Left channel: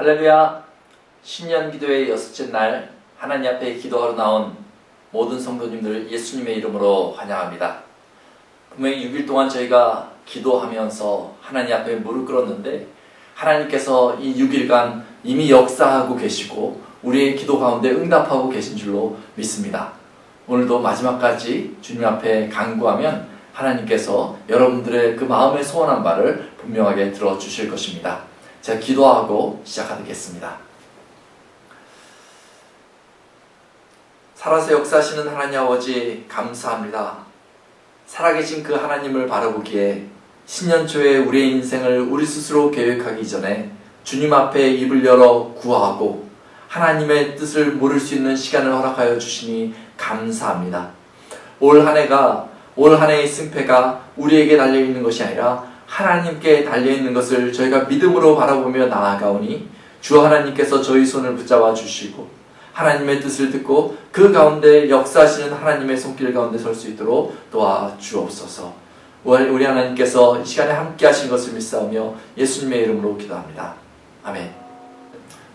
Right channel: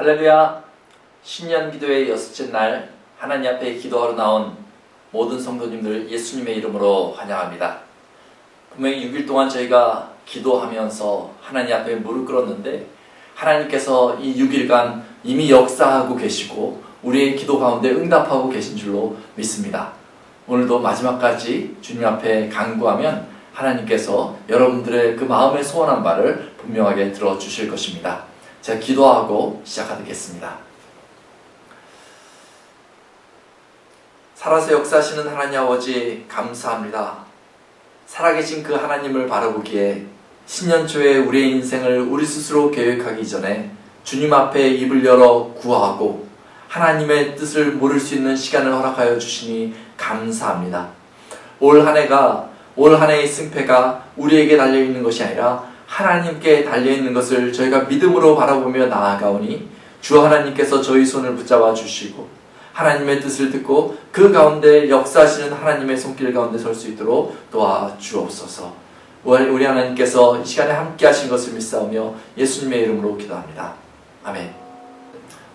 할렐루야! 신년 기도의 여섯째 날 하나님 앞에 기도하러 나온 모든 성도님들 예수님의 이름으로 환영합니다. 분명히 6일 동안 저희가 기도하면서 하나님 앞에 무릎 꿇었는데 하나님께서 이 6일간 이미 역사하고 계시고 우리의 기도 가운데 응답하고 계신 줄로 믿습니다. 오늘도 마지막까지 주님 앞에 간구하면 하나님께서 여러분들의 그 마음에 소원한 바를 분명하게 들어주실 것입니다. 제가 기도하고 시작하겠습니다. 살아서 역사하시는 하나님 아버지 감사합니다. 살아계신 그 하나님을 바라보기에 신년 초에 우리의 인생을 우리 스스로 계획하기 전에 주님 앞에 입을 열어 구하고 하나님의 뜻을 물을 수 있는 시간을 허락하여 주시니 감사합니다. 올 한 해의 승패가 우리에게 달려있는 것이 아니라 하나님께 달려있는 것을 저희가 믿음으로 바라보며 나아가오니 주 하나님께서 저희 손을 붙잡아 주시고 하나님의 뜻을 듣고 그 가운데 역사하시는 하나님의 손길 가운데 설 수 있도록 도와주옵소서. 우리 하나님께서 이 시간에 함께 하신 것을 믿사오며 예수님의 이름으로 기도합니다. 아멘.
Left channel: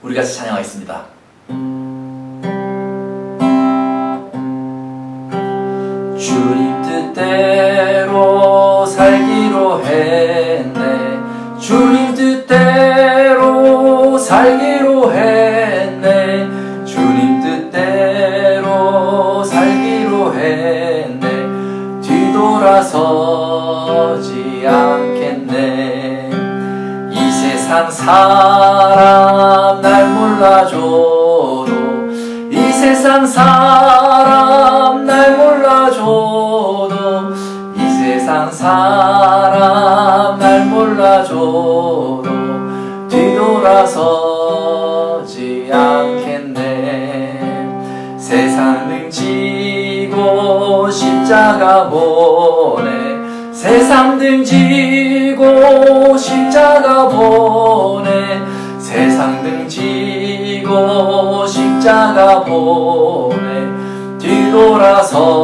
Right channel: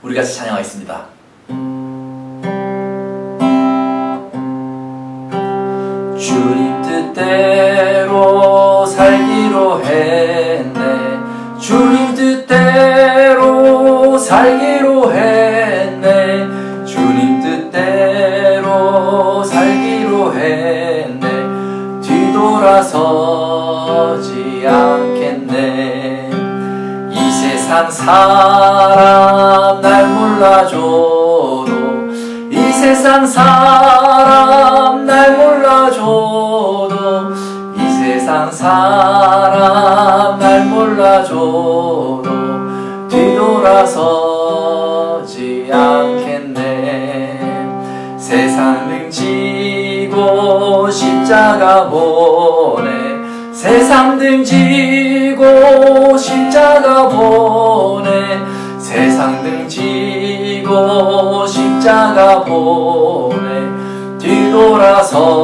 우리 같이 찬양하겠습니다. 주님 뜻대로 살기로 했네. 주님 뜻대로 살기로 했네. 주님 뜻대로 살기로 했네. 뒤돌아서지 않겠네. 이 세상 사람 날 몰라줘도 이 세상 사람 날 몰라줘도 이 세상 사람 날 몰라줘도 뒤돌아서지 않겠네. 세상 등지고 십자가 보내. 세상 등지고 십자가 보내. 세상 등지고 십자가 보내. 뒤돌아서지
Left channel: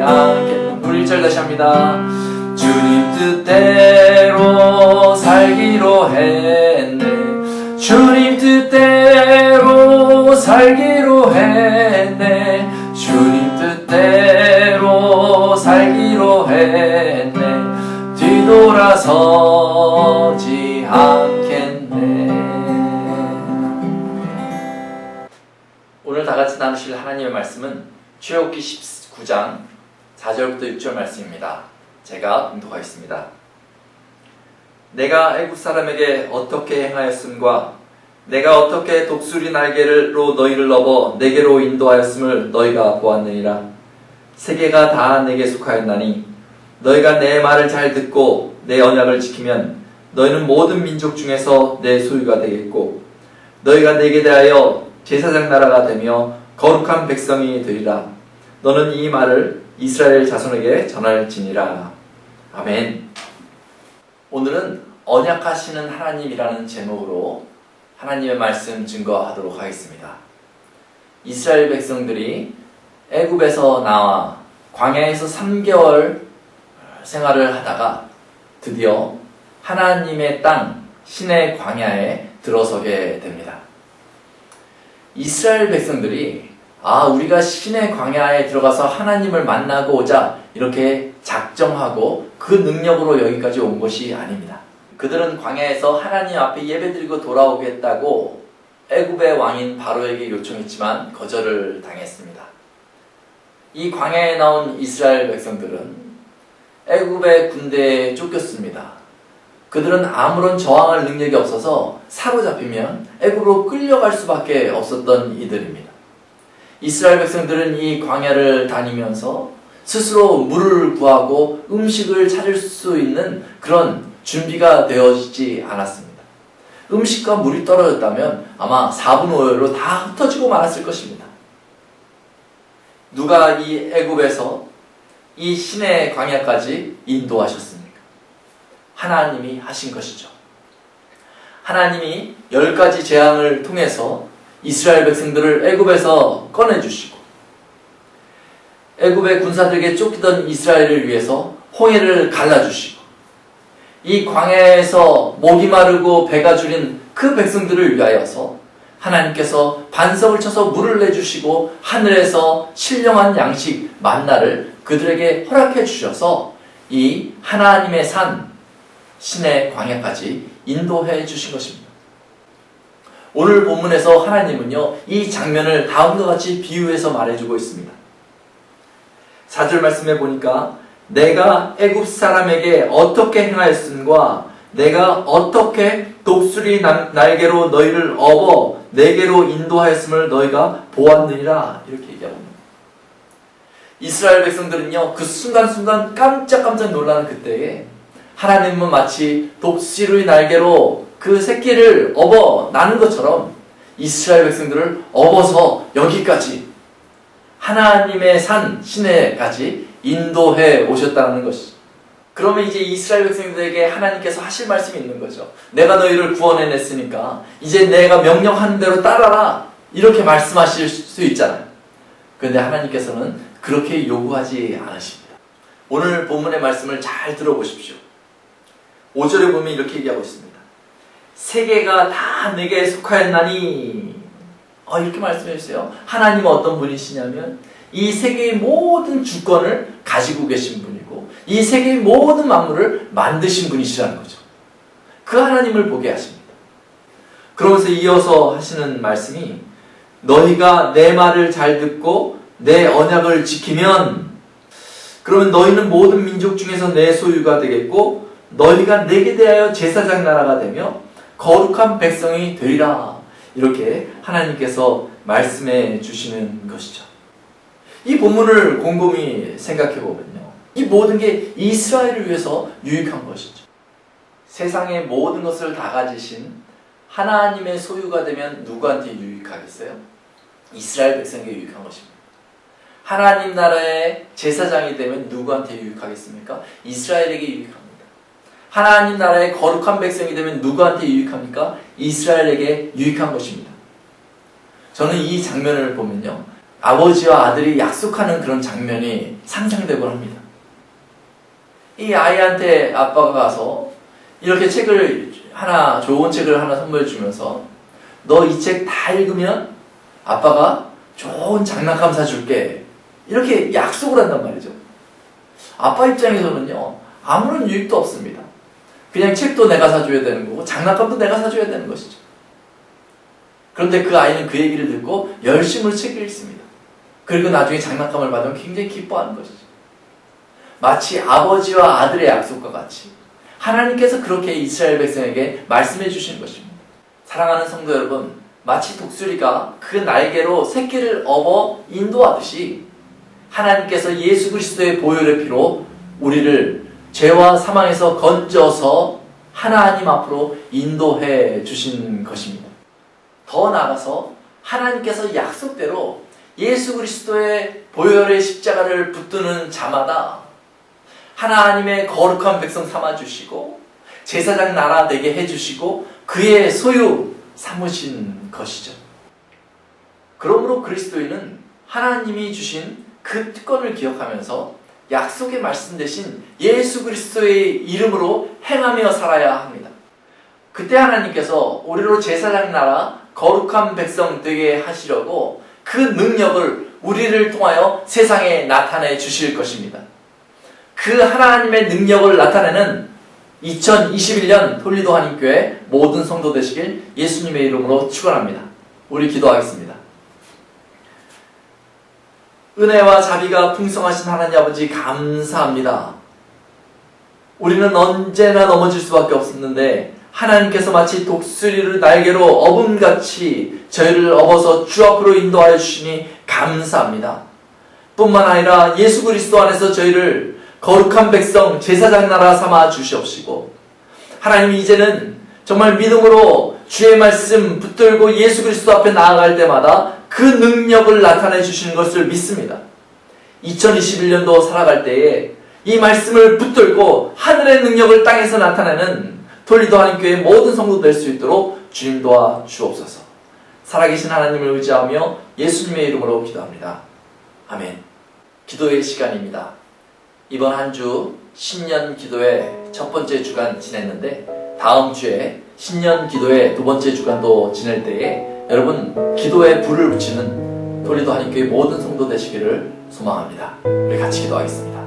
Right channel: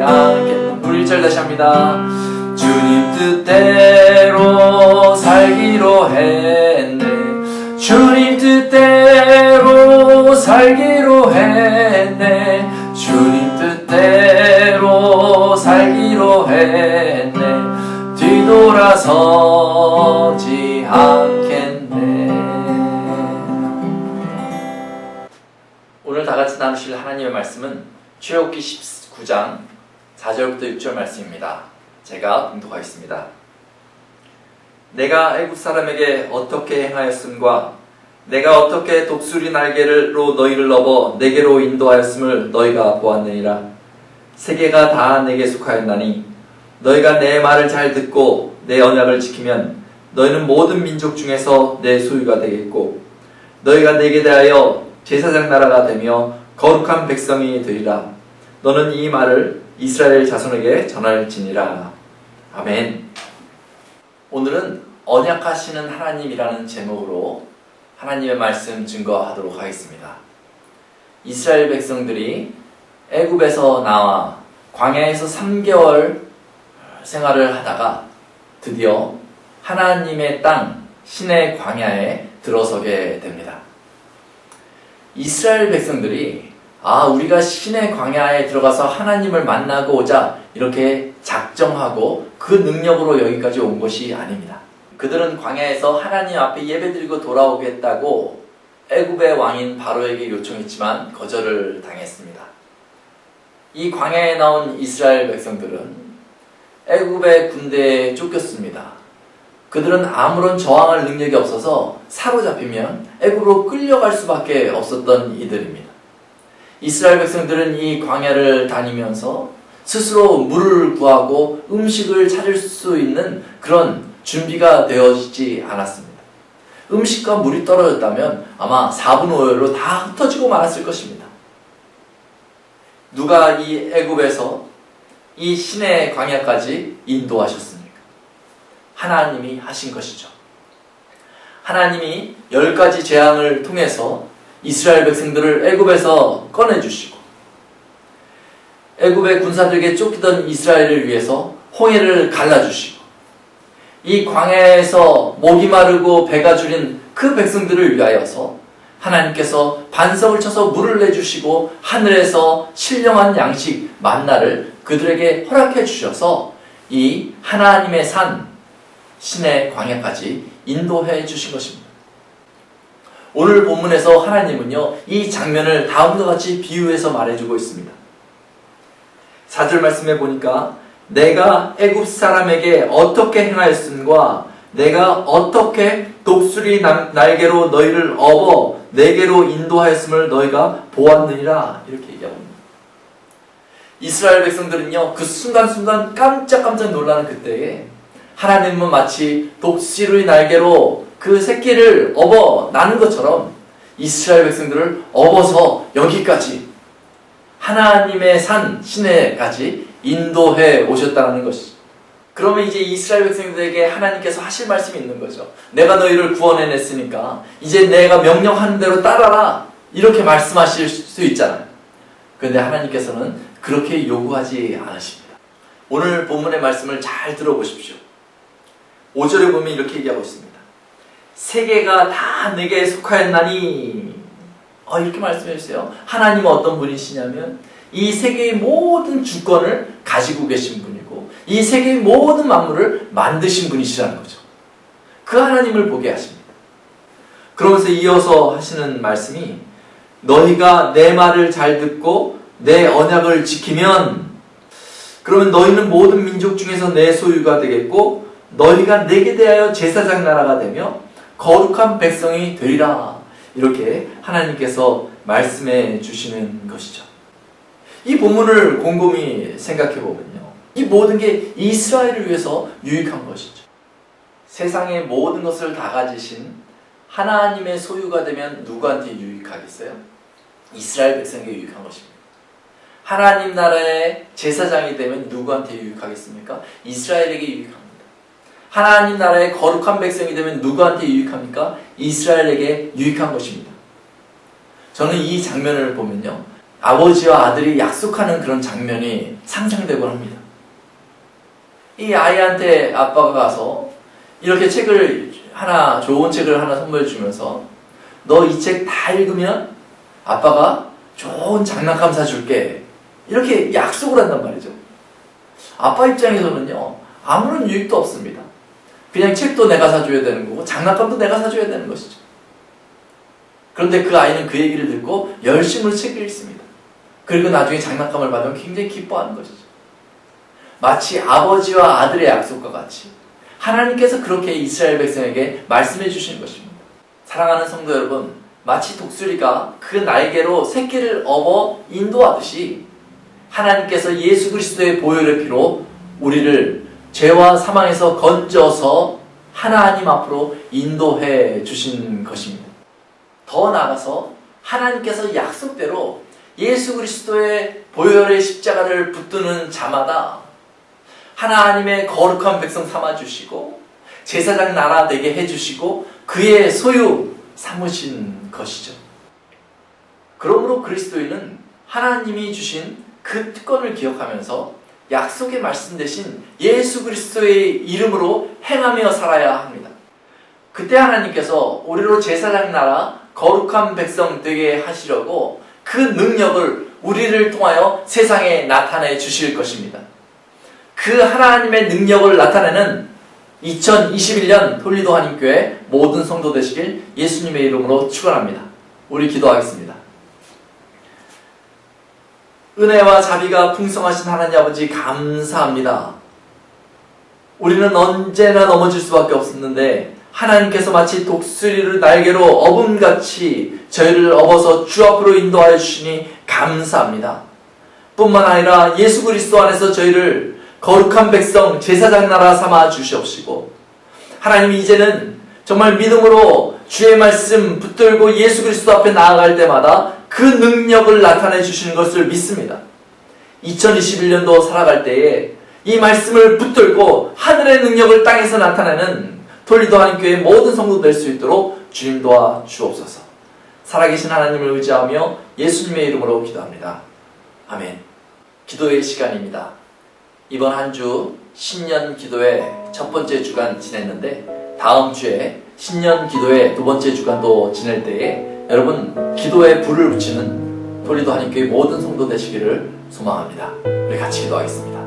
않겠네. 우리 1절 다시 합니다. 주님 뜻대로 살기로 했네. 주님 뜻대로 살기로 했네. 주님 뜻대로 살기로 했네. 뒤돌아서지 않겠네. 오늘 다같이 나누실 하나님의 말씀은 출애굽기 19장 4절부터 6절 말씀입니다. 제가 봉독하겠습니다. 내가 애굽 사람에게 어떻게 행하였음과 내가 어떻게 독수리 날개로 너희를 넘어 내게로 인도하였음을 너희가 보았느니라. 세계가 다 내게 속하였나니 너희가 내 말을 잘 듣고 내 언약을 지키면 너희는 모든 민족 중에서 내 소유가 되겠고 너희가 내게 대하여 제사장 나라가 되며 거룩한 백성이 되리라. 너는 이 말을 이스라엘 자손에게 전할지니라. 아멘. 오늘은 언약하시는 하나님이라는 제목으로 하나님의 말씀 증거하도록 하겠습니다. 이스라엘 백성들이 애굽에서 나와 광야에서 3개월 생활을 하다가 드디어 하나님의 땅 신의 광야에 들어서게 됩니다. 이스라엘 백성들이 우리가 신의 광야에 들어가서 하나님을 만나고 오자 이렇게 작정하고 그 능력으로 여기까지 온 것이 아닙니다. 그들은 광야에서 하나님 앞에 예배드리고 돌아오겠다고 애굽의 왕인 바로에게 요청했지만 거절을 당했습니다. 이 광야에 나온 이스라엘 백성들은 애굽의 군대에 쫓겼습니다. 그들은 아무런 저항할 능력이 없어서 사로잡히면 애굽으로 끌려갈 수밖에 없었던 이들입니다. 이스라엘 백성들은 이 광야를 다니면서 스스로 물을 구하고 음식을 찾을 수 있는 그런 준비가 되어지지 않았습니다. 음식과 물이 떨어졌다면 아마 4분 5일로 다 흩어지고 말았을 것입니다. 누가 이 애굽에서 이 신의 광야까지 인도하셨습니까? 하나님이 하신 것이죠. 하나님이 10가지 재앙을 통해서 이스라엘 백성들을 애굽에서 꺼내주시고 애굽의 군사들에게 쫓기던 이스라엘을 위해서 홍해를 갈라주시고 이 광야에서 목이 마르고 배가 줄인 그 백성들을 위하여서 하나님께서 반석을 쳐서 물을 내주시고 하늘에서 신령한 양식 만나를 그들에게 허락해 주셔서 이 하나님의 산 신의 광야까지 인도해 주신 것입니다. 오늘 본문에서 하나님은요, 이 장면을 다음과 같이 비유해서 말해주고 있습니다. 4절 말씀에 보니까 내가 애굽 사람에게 어떻게 행하였음과 내가 어떻게 독수리 날개로 너희를 업어 내게로 인도하였음을 너희가 보았느니라, 이렇게 얘기합니다. 이스라엘 백성들은요, 그 순간순간 깜짝깜짝 놀라는 그때에 하나님은 마치 독수리 날개로 그 새끼를 업어 나는 것처럼 이스라엘 백성들을 업어서 여기까지 하나님의 산 시내까지 인도해 오셨다는 것이죠. 그러면 이제 이스라엘 백성들에게 하나님께서 하실 말씀이 있는 거죠. 내가 너희를 구원해냈으니까 이제 내가 명령하는 대로 따라라, 이렇게 말씀하실 수 있잖아요. 그런데 하나님께서는 그렇게 요구하지 않으십니다. 오늘 본문의 말씀을 잘 들어보십시오. 5절에 보면 이렇게 얘기하고 있습니다. 세계가 다 내게 속하였나니, 이렇게 말씀해 주세요. 하나님은 어떤 분이시냐면 이 세계의 모든 주권을 가지고 계신 분이고 이 세계의 모든 만물을 만드신 분이시라는 거죠. 그 하나님을 보게 하십니다. 그러면서 이어서 하시는 말씀이 너희가 내 말을 잘 듣고 내 언약을 지키면 그러면 너희는 모든 민족 중에서 내 소유가 되겠고 너희가 내게 대하여 제사장 나라가 되며 거룩한 백성이 되리라, 이렇게 하나님께서 말씀해 주시는 것이죠. 이 본문을 곰곰이 생각해 보면요, 이 모든 게 이스라엘을 위해서 유익한 것이죠. 세상의 모든 것을 다 가지신 하나님의 소유가 되면 누구한테 유익하겠어요? 이스라엘 백성에게 유익한 것입니다. 하나님 나라의 제사장이 되면 누구한테 유익하겠습니까? 이스라엘에게 유익합니다. 하나님 나라의 거룩한 백성이 되면 누구한테 유익합니까? 이스라엘에게 유익한 것입니다. 저는 이 장면을 보면요, 아버지와 아들이 약속하는 그런 장면이 상상되곤 합니다. 이 아이한테 아빠가 가서 이렇게 좋은 책을 하나 선물해 주면서 너 이 책 다 읽으면 아빠가 좋은 장난감 사줄게, 이렇게 약속을 한단 말이죠. 아빠 입장에서는요, 아무런 유익도 없습니다. 그냥 책도 내가 사줘야 되는 거고 장난감도 내가 사줘야 되는 것이죠. 그런데 그 아이는 그 얘기를 듣고 열심으로 책을 읽습니다. 그리고 나중에 장난감을 받으면 굉장히 기뻐하는 것이죠. 마치 아버지와 아들의 약속과 같이 하나님께서 그렇게 이스라엘 백성에게 말씀해 주시는 것입니다. 사랑하는 성도 여러분, 마치 독수리가 그 날개로 새끼를 업어 인도하듯이 하나님께서 예수 그리스도의 보혈의 피로 우리를 죄와 사망에서 건져서 하나님 앞으로 인도해 주신 것입니다. 더 나아가서 하나님께서 약속대로 예수 그리스도의 보혈의 십자가를 붙드는 자마다 하나님의 거룩한 백성 삼아주시고 제사장 나라 되게 해주시고 그의 소유 삼으신 것이죠. 그러므로 그리스도인은 하나님이 주신 그 특권을 기억하면서 약속의 말씀 대신 예수 그리스도의 이름으로 행하며 살아야 합니다. 그때 하나님께서 우리로 제사장 나라 거룩한 백성 되게 하시려고 그 능력을 우리를 통하여 세상에 나타내 주실 것입니다. 그 하나님의 능력을 나타내는 2021년 톨리도 한인교회 모든 성도 되시길 예수님의 이름으로 축원합니다. 우리 기도하겠습니다. 은혜와 자비가 풍성하신 하나님 아버지, 감사합니다. 우리는 언제나 넘어질 수밖에 없었는데 하나님께서 마치 독수리를 날개로 업음같이 저희를 업어서 주 앞으로 인도하여 주시니 감사합니다. 뿐만 아니라 예수 그리스도 안에서 저희를 거룩한 백성 제사장 나라 삼아 주시옵시고 하나님, 이제는 정말 믿음으로 주의 말씀 붙들고 예수 그리스도 앞에 나아갈 때마다 그 능력을 나타내 주시는 것을 믿습니다. 2021년도 살아갈 때에 이 말씀을 붙들고 하늘의 능력을 땅에서 나타내는 톨리도 한인교회 모든 성도 될 수 있도록 주님 도와 주옵소서. 살아계신 하나님을 의지하며 예수님의 이름으로 기도합니다. 아멘. 기도의 시간입니다. 이번 한 주 신년 기도의 첫 번째 주간 지냈는데 다음 주에 신년 기도회 두 번째 주간도 지낼 때에 여러분 기도에 불을 붙이는 토리도 한인교회 모든 성도 되시기를 소망합니다. 우리 같이 기도하겠습니다.